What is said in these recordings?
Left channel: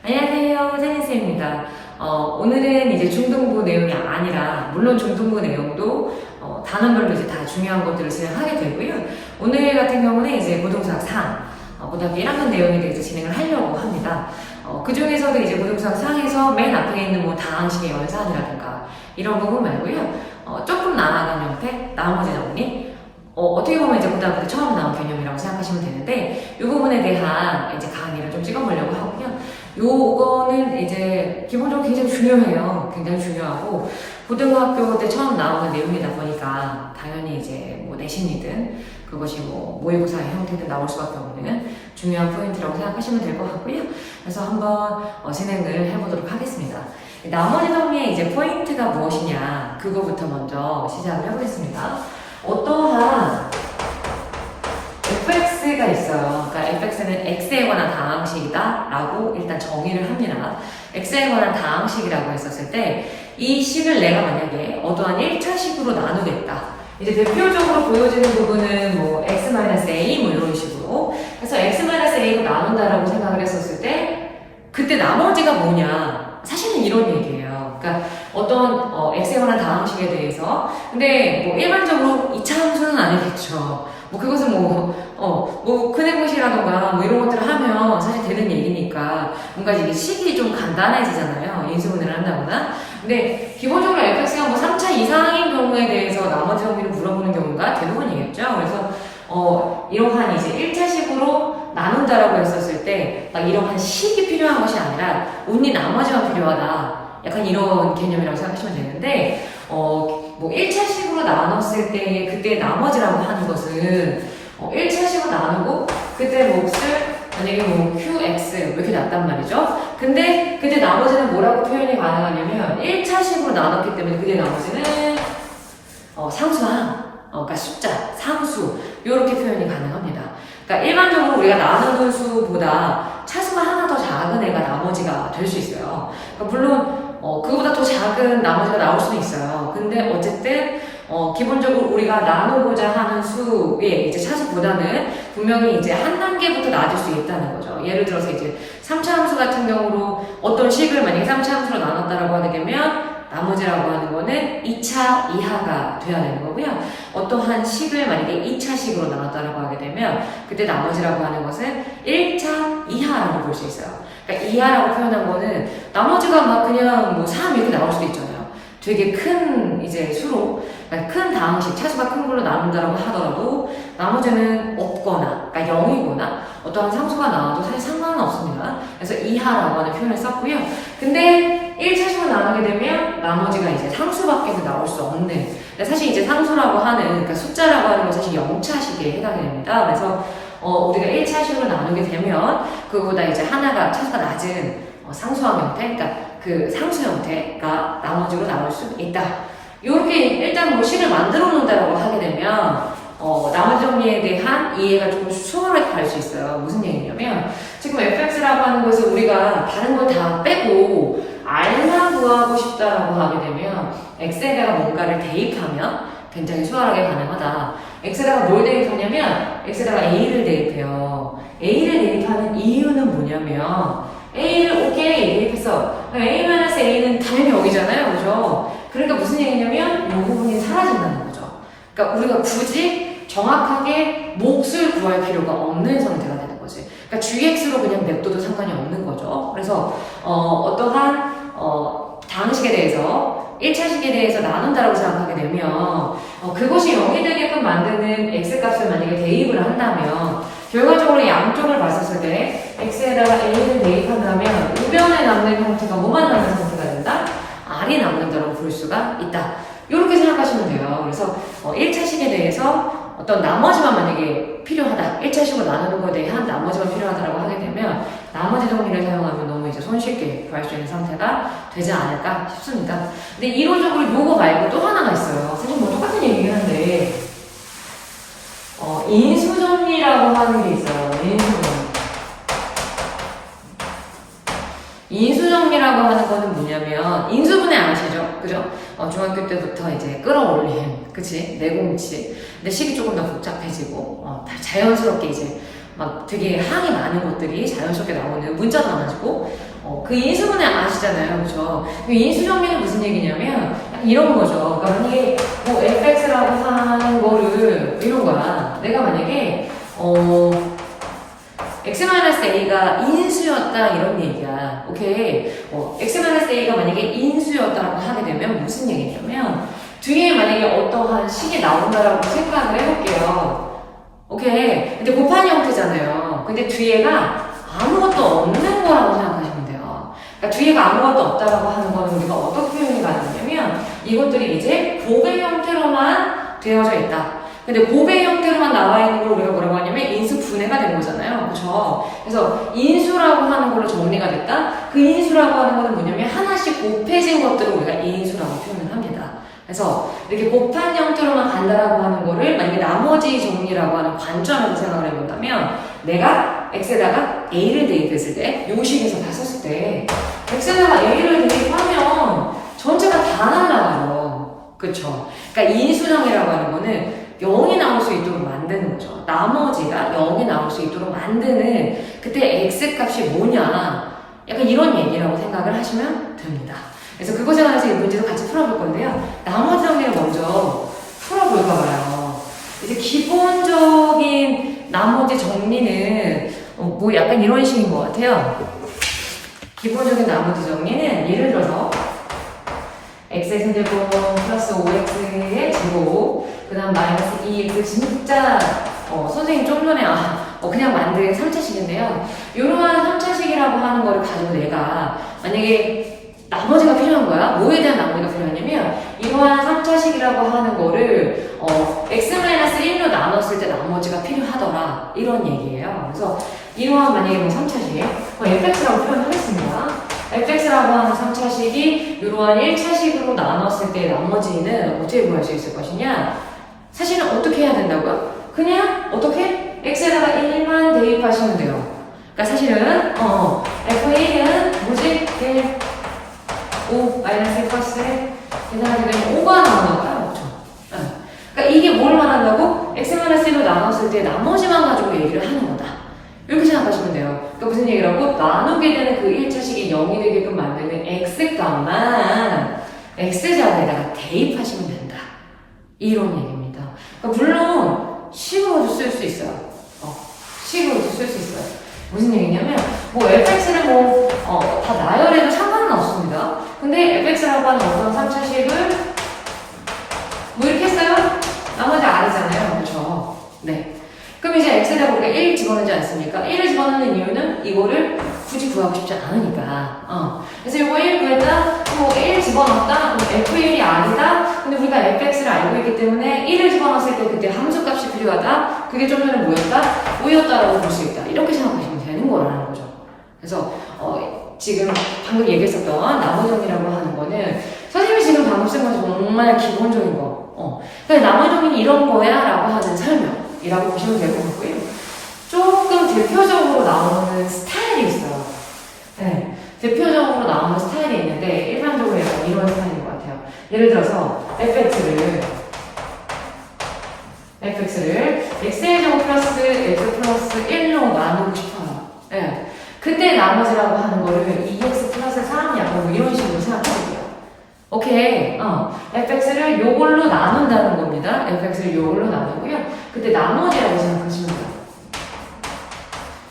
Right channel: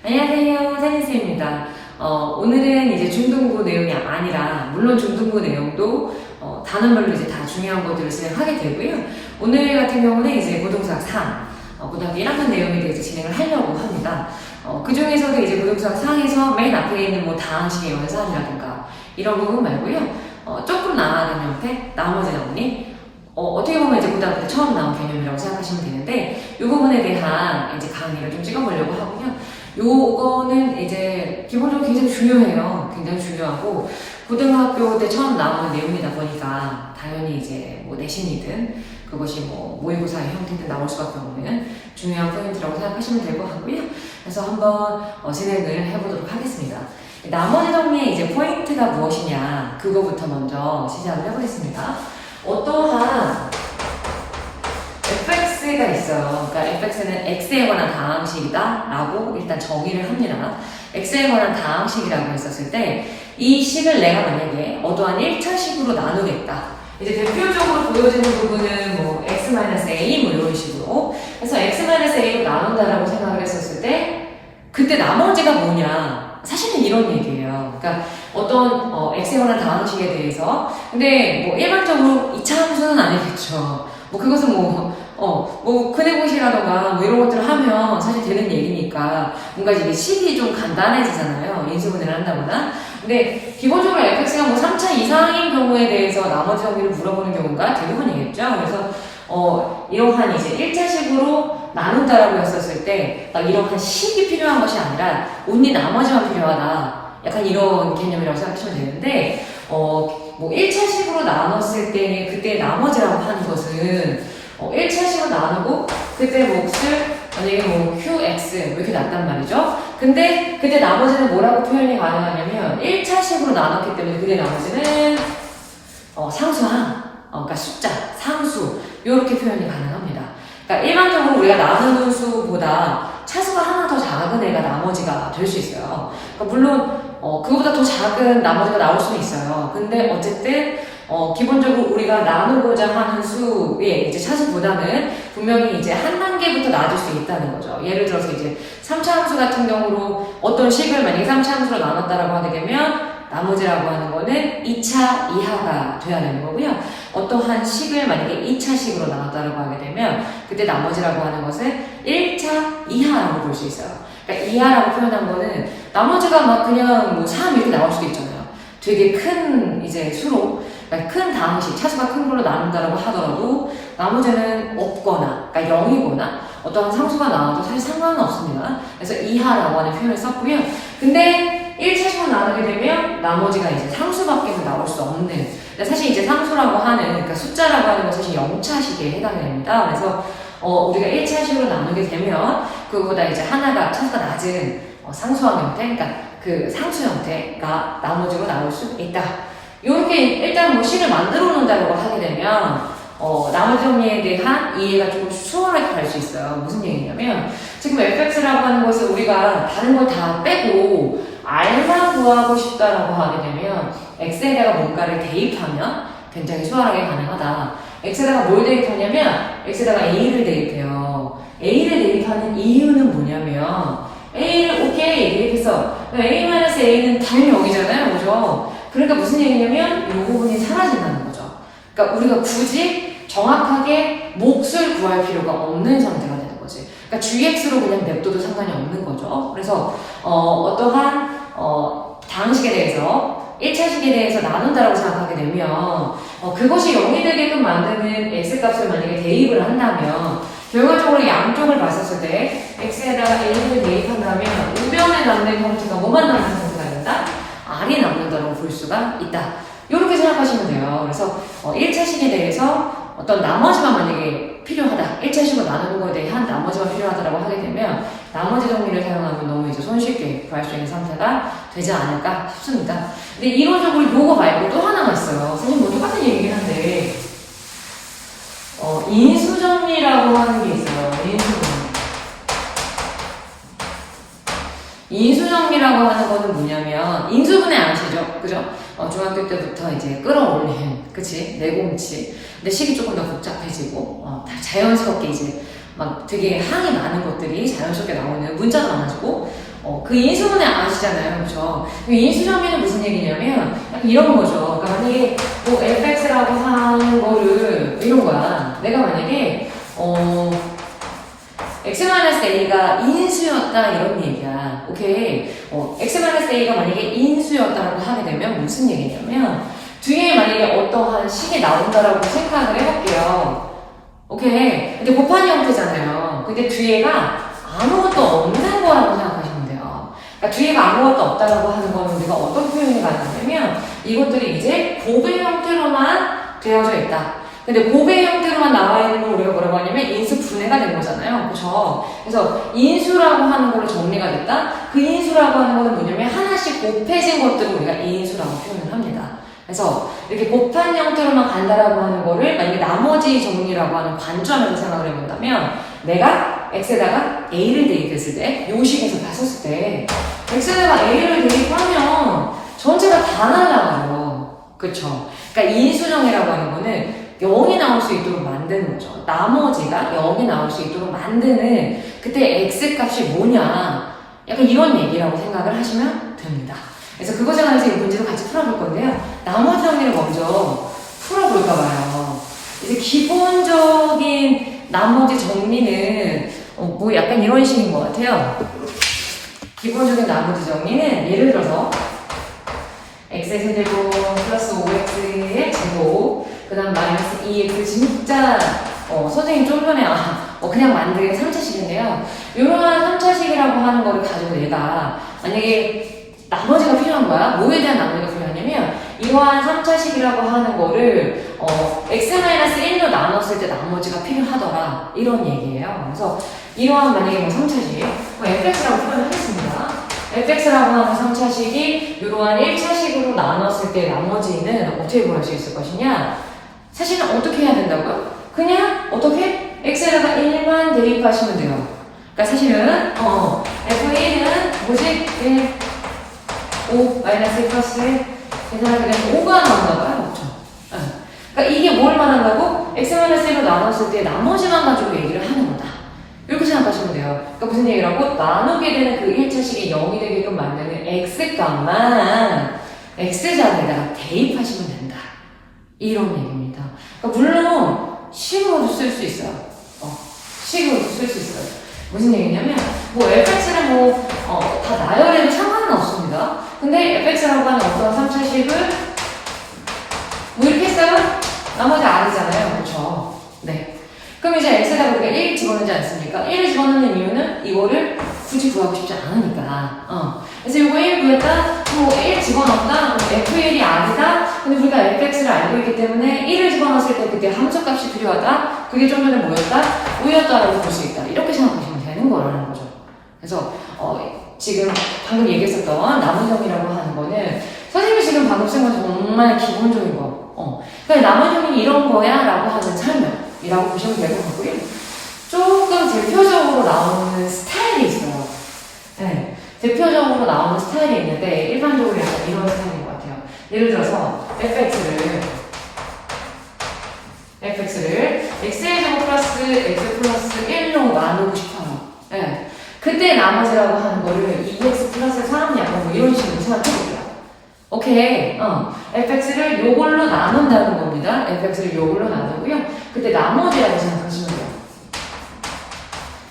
안녕하세요, 세진쌤입니다. 오늘은 이제 중등부 내용이 아니라, 물론 중등부 내용도 단원별로 이제 다 중요한 것들을 진행하게 되고요. 오늘 같은 경우는 이제 고등수학 3, 고등학교 1학년 내용에 대해서 진행을 하려고 합니다. 그 중에서도 이제 고등수학 4에서 맨 앞에 있는 뭐 다항식의 연산이라든가 이런 부분 말고요. 조금 나아가는 형태, 나머지 정리, 어떻게 보면 이제 고등학교 때 처음 나온 개념이라고 생각하시면 되는데, 이 부분에 대한 이제 강의를 좀 찍어보려고 하고요. 요거는 이제 기본적으로 굉장히 중요해요. 굉장히 중요하고, 고등학교 때 처음 나오는 내용이다 보니까, 당연히 이제 뭐 내신이든, 그것이 뭐 모의고사의 형태든 나올 수밖에 없는 중요한 포인트라고 생각하시면 될 것 같고요. 그래서 한번 진행을 해보도록 하겠습니다. 나머지 정리의 이제 포인트가 무엇이냐, 그거부터 먼저 시작을 해보겠습니다. 어떠한 fx가 있어요. 그러니까 fx는 x에 관한 다항식이다 라고 일단 정의를 합니다. x에 관한 다항식이라고 했었을 때 이 식을 내가 만약에 어떠한 1차식으로 나누겠다. 이제 대표적으로 보여지는 부분은 뭐 x-a 뭐 이런 식으로 그래서 x-a로 나눈다라고 생각을 했었을 때 그때 나머지가 뭐냐? 사실은 이런 얘기예요. 그러니까 어떤 x에 관한 다항식에 대해서 근데 뭐 일반적으로 2차 함수는 아니겠죠. 뭐 그것은 뭐 큰해보시라던가 뭐 이런 것들을 하면 사실 되는 얘기니까 뭔가 이게 식이 좀 간단해지잖아요. 인수분해를 한다거나. 근데 기본적으로 fx가 뭐 3차 이상인 경우에 대해서 나머지 정의를 물어보는 경우가 대부분이겠죠. 그래서 이러한 이제 1차식으로 나눈다라고 했었을 때 막 이러한 식이 필요한 것이 아니라 온리 나머지만 필요하다. 약간 이런 개념이라고 생각하시면 되는데 뭐 1차식으로 나눴을 때 그때 나머지라고 하는 것은 1차식으로 나누고 그때 몫을 만약에 뭐 qx 이렇게 났단 말이죠. 근데 그때 나머지는 뭐라고 표현이 가능하냐면 1차식으로 나눴기 때문에 그때 나머지는 상수항, 그러니까 숫자, 상수 이렇게 표현이 가능합니다. 그러니까 일반적으로 우리가 나누는 수보다 차수가 하나 더 작은 애가 나머지가 될 수 있어요. 그러니까 물론 그거보다 더 작은 나머지가 나올 수는 있어요. 근데 어쨌든 기본적으로 우리가 나누고자 하는 수의 이제 차수보다는 분명히 이제 한 단계부터 낮을 수 있다는 거죠. 예를 들어서 이제 3차 함수 같은 경우로 어떤 식을 만약에 3차 함수로 나눴다라고 하게 되면 나머지라고 하는 거는 2차 이하가 돼야 되는 거고요. 어떠한 식을 만약에 2차식으로 나눴다라고 하게 되면 그때 나머지라고 하는 것은 1차 이하라고 볼 수 있어요. 그러니까 이하라고 표현한 거는 나머지가 막 그냥 뭐 3 이렇게 나올 수도 있잖아요. 되게 큰 이제 수로 그러니까 큰 다항식, 차수가 큰 걸로 나눈다라고 하더라도 나머지는 없거나 그러니까 0이거나 어떠한 상수가 나와도 사실 상관은 없습니다. 그래서 이하라고 하는 표현을 썼고요. 근데 1차식으로 나누게 되면 나머지가 이제 상수밖에 나올 수 없는 사실 이제 상수라고 하는 그러니까 숫자라고 하는 것은 사실 0차식에 해당이 됩니다. 그래서 우리가 1차식으로 나누게 되면 그거보다 이제 하나가 차수가 낮은 상수항 형태, 그러니까 그 상수 형태가 나머지로 나올 수 있다. 이렇게 일단 뭐 식을 만들어 놓는다고 하게 되면 나머지 정리에 대한 이해가 조금 수월하게 갈 수 있어요. 무슨 얘기냐면 지금 fx라고 하는 것을 우리가 다른 걸 다 빼고 r만 구하고 싶다라고 하게 되면 x에다가 뭔가를 대입하면 굉장히 수월하게 가능하다. x에다가 뭘 대입하냐면 x에다가 a를 대입해요. a를 대입하는 이유는 뭐냐면 a를 오케이 대입했어. a-a는 당연히 여기잖아요. 그죠? 그러니까 무슨 얘기냐면 이 부분이 사라진다는 거죠. 그러니까 우리가 굳이 정확하게 몫을 구할 필요가 없는 상태가 되는 거지. 그러니까 gx로 그냥 냅둬도 상관이 없는 거죠. 그래서 어떠한 다항식에 대해서 1차식에 대해서 나눈다라고 생각하게 되면 그것이 0이 되게끔 만드는 x값을 만약에 대입을 한다면 결과적으로 양쪽을 봤었을 때 x에다가 a를 대입한다면 우변에 남는 형태가 뭐만 남는 형태가 된다? r이 남는다라고 볼 수가 있다. 이렇게 생각하시면 돼요. 그래서 1차식에 대해서 어떤 나머지만 만약에 필요하다. 1차식으로 나누는 것에 대한 나머지만 필요하다라고 하게 되면 나머지 정리를 사용하면 너무 이제 손쉽게 구할 수 있는 상태가 되지 않을까 싶습니다. 근데 이론적으로 요거 말고 또 하나가 있어요. 사실 뭐 똑같은 얘기긴 한데 인수정리라고 하는 게 있어요. 인수정리라고 하는 거는 뭐냐면 인수분해 아시죠? 그죠? 중학교 때부터 이제 끌어올린 그치? 내공치 근데 식이 조금 더 복잡해지고 다 자연스럽게 이제 막 되게 항이 많은 것들이 자연스럽게 나오는 문자도 많아지고 그 인수분해 아시잖아요. 그죠? 그 인수정리는 무슨 얘기냐면, 약간 이런 거죠. 그러니까 만약에 뭐 fx라고 하는 거를, 이런 거야. 내가 만약에, x-a가 인수였다, 이런 얘기야. 오케이. x-a가 만약에 인수였다라고 하게 되면 무슨 얘기냐면, 뒤에 만약에 어떠한 식이 나온다라고 생각을 해볼게요. 오케이. 근데 곱하기 형태잖아요. 근데 뒤에가 아무것도 없는 거라고 생각하시면 돼요. 그러니까 뒤에가 아무것도 없다라고 하는 거는 우리가 어떻게 표현이 가능하냐면 이것들이 이제 곱의 형태로만 되어져 있다. 근데 곱의 형태로만 나와 있는 걸 우리가 뭐라고 하냐면 인수 분해가 된 거잖아요. 그렇죠? 그래서 인수라고 하는 걸로 정리가 됐다. 그 인수라고 하는 거는 뭐냐면 하나씩 곱해진 것들을 우리가 인수라고 표현을 합니다. 그래서 이렇게 곱한 형태로만 간다라고 하는 거를 만약에 나머지 정리라고 하는 관점에서 생각을 해본다면 내가 x에다가 a를 대입했을 때 요 식에서 봤었을 때 x에다가 a를 대입하면 전체가 다 날아가요. 그쵸? 그러니까 인수정이라고 하는 거는 0이 나올 수 있도록 만드는 거죠. 나머지가 0이 나올 수 있도록 만드는 그때 x값이 뭐냐 약간 이런 얘기라고 생각을 하시면 됩니다. 그래서 그것에 관해서 이 문제도 같이 풀어볼 건데요. 나머지 정리를 먼저 풀어볼까 봐요. 이제 기본적인 나머지 정리는 뭐 약간 이런 식인 것 같아요. 기본적인 나머지 정리는 예를 들어서 x의 세제곱 플러스 5x의 제곱 그 다음 마이너스 2x 진짜 선생님 좀 전에 그냥 만든 3차식인데요. 이러한 3차식이라고 하는 거를 가지고 내가 만약에 나머지가 필요한 거야. 뭐에 대한 나머지가 필요하냐면 이러한 3차식이라고 하는 거를 x-1로 나눴을 때 나머지가 필요하더라. 이런 얘기예요. 그래서 이러한 만약에 뭐 3차식 fx라고 표현하겠습니다. fx라고 하는 3차식이 이러한 1차식으로 나눴을 때 나머지는 어떻게 구할 수 있을 것이냐? 사실은 어떻게 해야 된다고요? 그냥 어떻게? x에다가 1만 대입하시면 돼요. 그러니까 사실은 f1은 뭐지? 1 5 마이너스 1 플러스 계산하게 되면 5가 나온다고요? 그렇죠? 그러니까 이게 뭘 말한다고? x-1로 나눴을 때 나머지만 가지고 얘기를 하는 거다. 이렇게 생각하시면 돼요. 그러니까 무슨 얘기라고? 나누게 되는 그 1차식이 0이 되게끔 만드는 x값만 x자리에다가 대입하시면 된다. 이런 얘기입니다. 그러니까 물론 식으로도 쓸 수 있어요. 식으로도 쓸 수 있어요. 무슨 얘기냐면 뭐 fx는 다 나열해도 상관은 없습니다. 근데 fx라고 하는 어떤 3차식을 뭐 이렇게 했어요? 나머지 r이잖아요. 그렇죠? 네. 그럼 이제 x에다가 우리가 1 집어넣지 않습니까? 1을 집어넣는 이유는 이거를 굳이 구하고 싶지 않으니까. 그래서 이거 1 구했다, 뭐 1 집어넣었다, f1이 r이다. 근데 우리가 fx를 알고 있기 때문에 1을 집어넣었을 때 그때 함수값이 필요하다. 그게 좀 전에 뭐였다? 5였다라고 볼 수 있다. 이렇게 생각하시면 되는 거라는 거죠. 그래서 지금 방금 얘기했었던 나무정리라고 하는 거는 선생님이 지금 방금 쓴 건 정말 기본적인 거. 그러니까 나무정리는 이런 거야 라고 하는 설명이라고 보시면 될 것 같고요. 조금 대표적으로 나오는 스타일이 있어요. 네, 대표적으로 나오는 스타일이 있는데 일반적으로 이런 스타일인 것 같아요. 예를 들어서 fx를 x제곱 플러스 x 플러스 1로 나누고 싶어요. 네. 그때 나머지라고 하는 거를 2x 플러스 3이야. 뭐 이런 식으로 생각해볼게요. 오케이. fx를 요걸로 나눈다는 겁니다. fx를 요걸로 나누고요. 그때 나머지라고 생각하시면 돼요.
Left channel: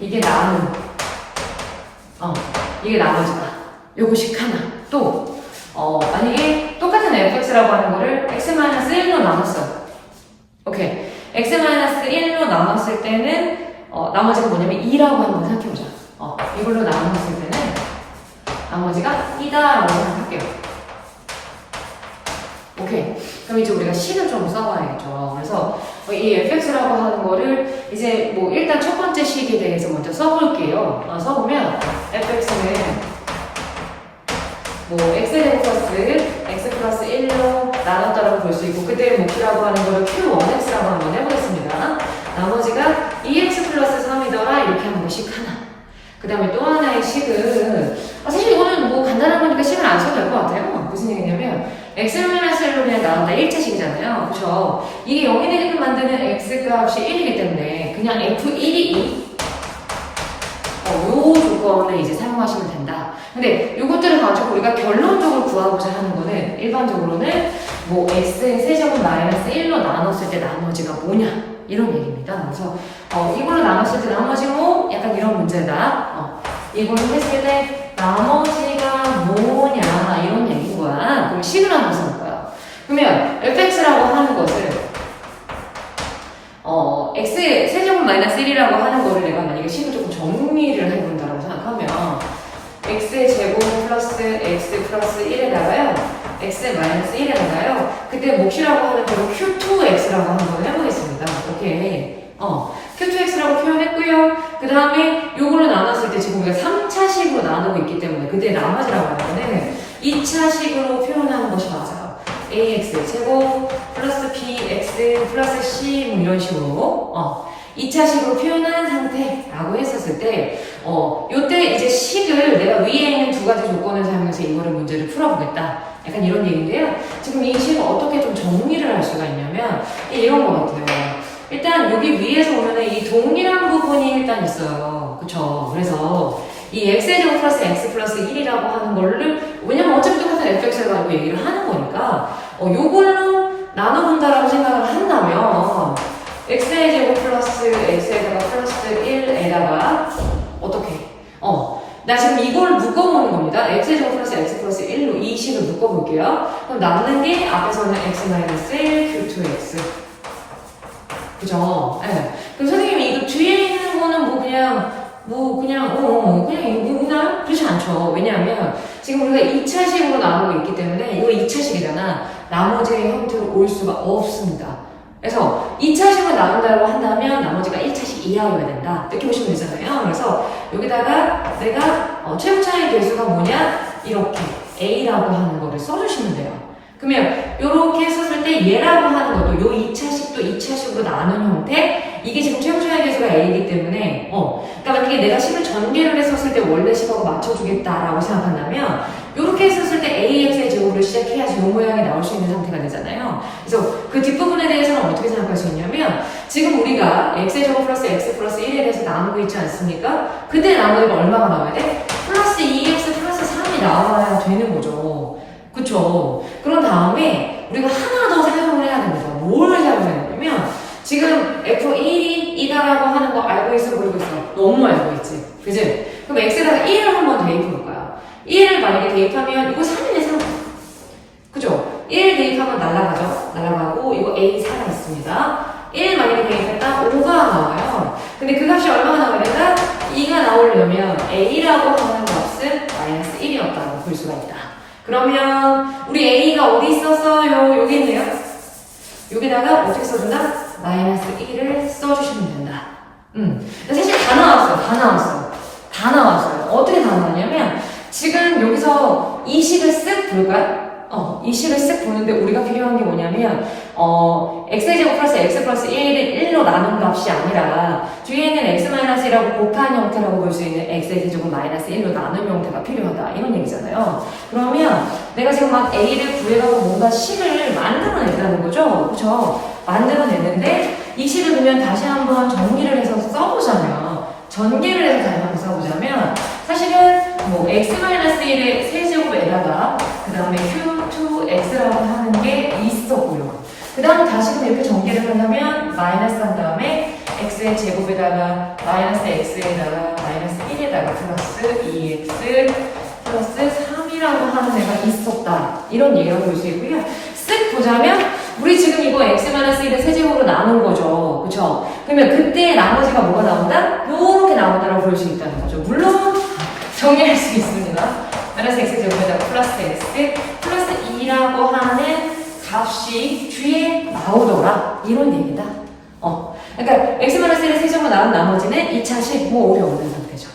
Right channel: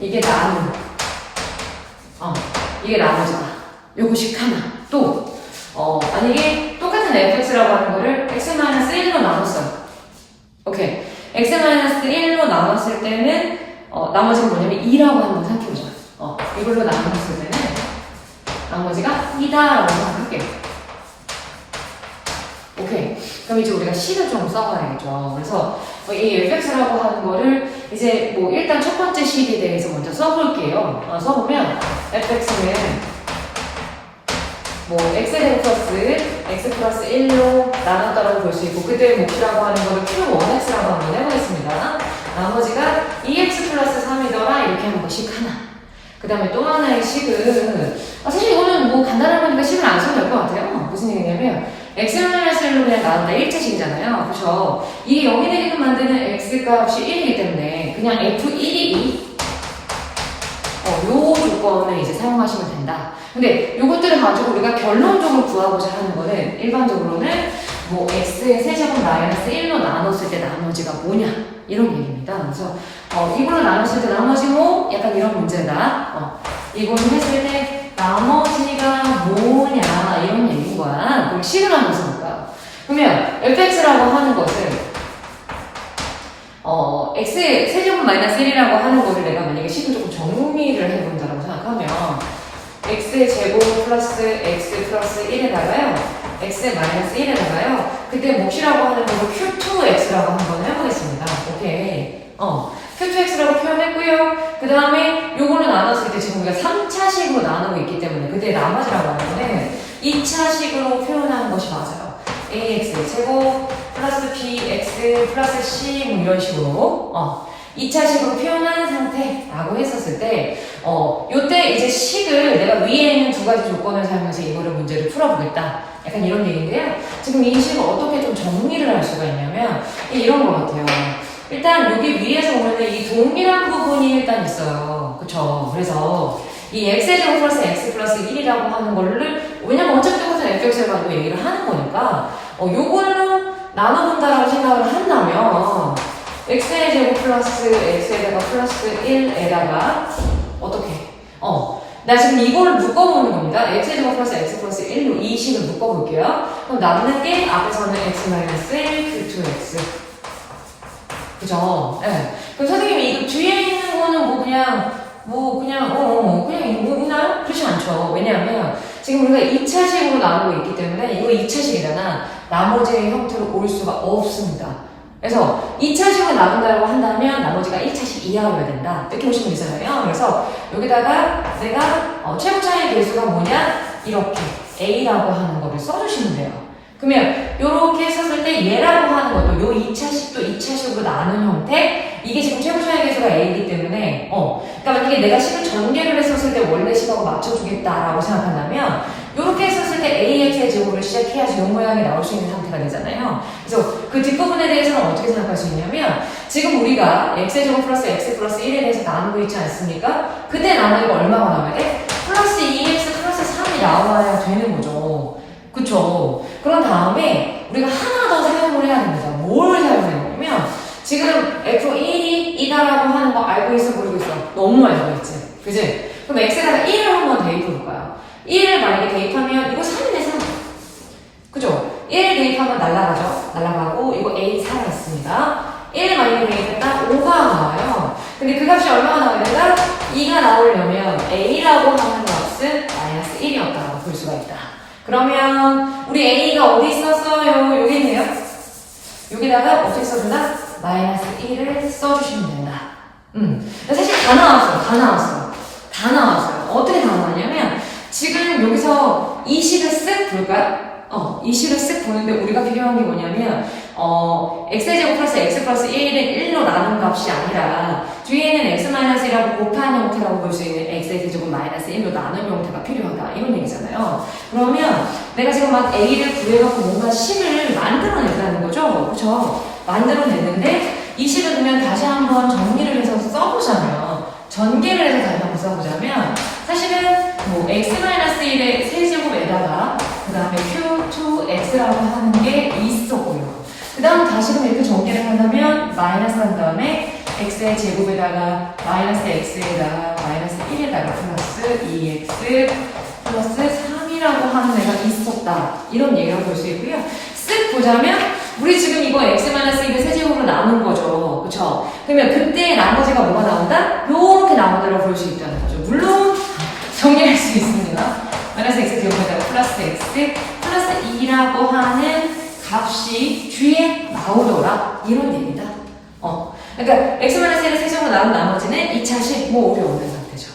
이게 나눔. 이게 나머지다. 요거식 하나. 또, 만약에 똑같은 fx라고 하는 거를 x-1로 나눴어요. 오케이. x-1로 나눴을 때는, 나머지가 뭐냐면 2라고 한번 생각해보자. 이걸로 나눴을 때는, 나머지가 2다라고 생각할게요. 오케이. 그럼 이제 우리가 식을 좀 써봐야겠죠. 그래서 이 fx라고 하는 거를 이제 뭐 일단 첫 번째 식에 대해서 먼저 써볼게요. 써보면 fx는 뭐 x제곱 플러스 x 플러스 1로 나눴다라고 볼 수 있고 그때 목표라고 하는 거를 q1x라고 한번 해보겠습니다. 나머지가 2x 플러스 3이더라 이렇게 하는 거 식 하나. 그 다음에 또 하나의 식은 사실 이거는 뭐 간단한 거니까 식을 안 써도 될 것 같아요. 무슨 얘기냐면 x-1로 그냥 나온다 1차식이잖아요. 그쵸? 이게 0이 되게끔 만드는 x값이 1이기 때문에 그냥 f1이 요 조건을 이제 사용하시면 된다. 근데 요것들을 가지고 우리가 결론적으로 구하고자 하는 거는 일반적으로는 뭐 x의 세제곱 마이너스 1로 나눴을 때 나머지가 뭐냐 이런 얘기입니다. 그래서 이걸로 나눴을 때 나머지 뭐 약간 이런 문제다. 이걸 했을 때 나머지가 뭐냐 이런 얘기인 거야. 그럼 식을 한번 써볼까요? 그러면 fx라고 하는 것은 x의 세제곱 마이너스 1이라고 하는 거를 내가 만약에 식을 조금 정리를 해본다라고 생각하면 x의 제곱 플러스 x 플러스 1에다가요 x 마이너스 1에다가요 그때 몫이라고 하는 거 q2x라고 한번 해보겠습니다. 오케이. q2x라고 표현했고요. 그 다음에 요걸로 나눴을 때 지금 우리가 3차식으로 나누고 있기 때문에 그때 나머지라고 하는 거는 2차식으로 표현하는 것이 맞아요. ax 제곱 플러스 bx 플러스 c 뭐 이런 식으로 2차식으로 표현하는 상태라고 했었을 때 요때 이제 식을 내가 위에 있는 두 가지 조건을 사용해서 이거를 문제를 풀어보겠다. 약간 이런 얘기인데요. 지금 이 식을 어떻게 좀 정리를 할 수가 있냐면 이런 것 같아요. 일단 여기 위에서 보면은 이 동일한 부분이 일단 있어요. 그쵸? 그래서 이 x제곱 플러스 x 플러스 1이라고 하는 거를 왜냐면 어차피 똑같은 fx를 가지고 얘기를 하는 거니까 요걸로 나눠본다라고 생각을 한다면 x의 제곱 플러스 x에다가 플러스 1에다가 어떻게? 나 지금 이걸 묶어보는 겁니다. x의 제곱 플러스 x 플러스 1로 이 식을 묶어볼게요. 그럼 남는 게 앞에서는 x 마이너스 1 q2x 그죠? 네. 그럼 선생님이 이거 뒤에 있는 거는 그냥 있나요? 그렇지 않죠. 왜냐하면 지금 우리가 2차식으로 나누고 있기 때문에 이거 2차식이잖아. 나머지의 형태로 올 수가 없습니다. 그래서 2차식을 나눈다고 한다면 나머지가 1차식 이하여야 된다. 이렇게 보시면 되잖아요. 그래서 여기다가 내가 최고차의 개수가 뭐냐? 이렇게 A라고 하는 거를 써주시면 돼요. 그러면 이렇게 썼을 때 얘라고 하는 것도 요 2차식도 2차식으로 나눈 형태 이게 지금 최고차의 개수가 A이기 때문에 그러니까 만약에 내가 식을 전개를 했었을 때 원래 식하고 맞춰주겠다라고 생각한다면 이렇게 했었을 때 AX의 제곱을 시작해야지 이 모양이 나올 수 있는 형태가 되잖아요. 그래서 그 뒷부분에 대해서는 어떻게 생각할 수 있냐면 지금 우리가 X의 제곱 플러스 X 플러스 1에 대해서 나누고 있지 않습니까? 그때 나누니까 얼마가 나와야 돼? 플러스 2X 플러스 3이 나와야 되는 거죠. 그쵸? 그런 다음에 우리가 하나 더 사용을 해야 됩니다. 뭘 사용해야 되냐면 지금 F1이 이다라고 하는 거 알고 있어 보이고 있어. 너무 알고 있지. 그지? 그럼 X에다가 1을 한번 대입해볼까요? 1을 만약에 대입하면 이거 3이네 3. 그죠? 1 대입하면 날아가죠? 날아가고 이거 A 살아있습니다. 1 만약에 대입했다 5가 나와요. 근데 그 값이 얼마가 나와야 된다? 2가 나오려면 A라고 하는 값은 마이너스 1이었다라고 볼 수가 있다. 그러면 우리 A가 어디 있었어요? 여기 있네요. 여기다가 어떻게 써준다? 마이너스 1을 써주시면 된다. 사실 다 나왔어요. 어떻게 다 나왔냐면 지금 여기서 이 식을 쓱 볼까요? 이 식을 쓱 보는데 우리가 필요한 게 뭐냐면 x의 제곱 플러스 x 플러스 1을 1로 나눈 값이 아니라 뒤에는 x-1하고 곱한 형태라고 볼 수 있는 x의 제곱 마이너스 1로 나눈 형태가 필요하다 이런 얘기잖아요. 그러면 내가 지금 막 a를 구해갖고 뭔가 식을 만들어낸다는 거죠. 그쵸? 만들어냈는데 이 식을 그냥 다시 한번 정리를 해서 써보자면 전개를 해서 다시 한번 써보자면 사실은 뭐 x-1의 세제곱에다가 그 다음에 q2x라고 하는 게 있었고요. 그 다음 다시금 이렇게 전개를 한다면 마이너스 한 다음에 x의 제곱에다가 마이너스 x에다가 마이너스 1에다가 플러스 2x 플러스 3이라고 하는 애가 있었다. 이런 얘기를 볼 수 있고요. 쓱 보자면 우리 지금 이거 x-1의 세제곱으로 나눈 거죠. 그쵸? 그러면 그때 나머지가 뭐가 나온다? 요렇게 나온다고 볼 수 있다는 거죠. 물론 정리할 수 있습니다. 마이너스 x 제곱에다가 플러스 x 플러스 2라고 하는 값이 뒤에 나오더라. 이런 얘기다. 그러니까 x-1의 세제곱으로 나온 나머지는 2차식 뭐 어려운 상태죠.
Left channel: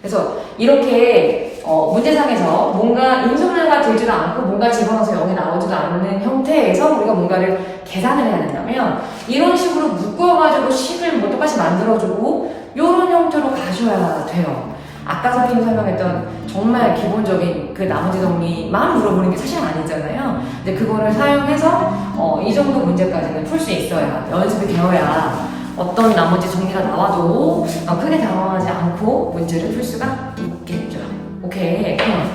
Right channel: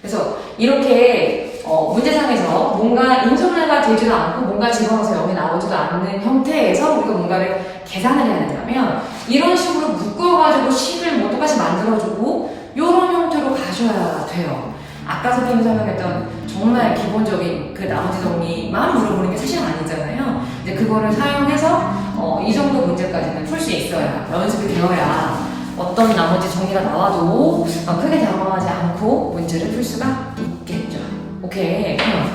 그래서 이렇게 문제상에서 뭔가 인수분해가 되지도 않고 뭔가 집어넣어서 0이 나오지도 않는 형태에서 우리가 뭔가를 계산을 해야 된다면 이런 식으로 묶어가지고 식을 뭐 똑같이 만들어주고 이런 형태로 가져야 돼요. 아까 선생님 설명했던 정말 기본적인 그 나머지 정리만 물어보는 게 사실 아니잖아요. 이제 그거를 사용해서 이 정도 문제까지는 풀 수 있어야 연습이 되어야 어떤 나머지 정리가 나와도 크게 당황하지 않고 문제를 풀 수가 있겠죠. 오케이. 그럼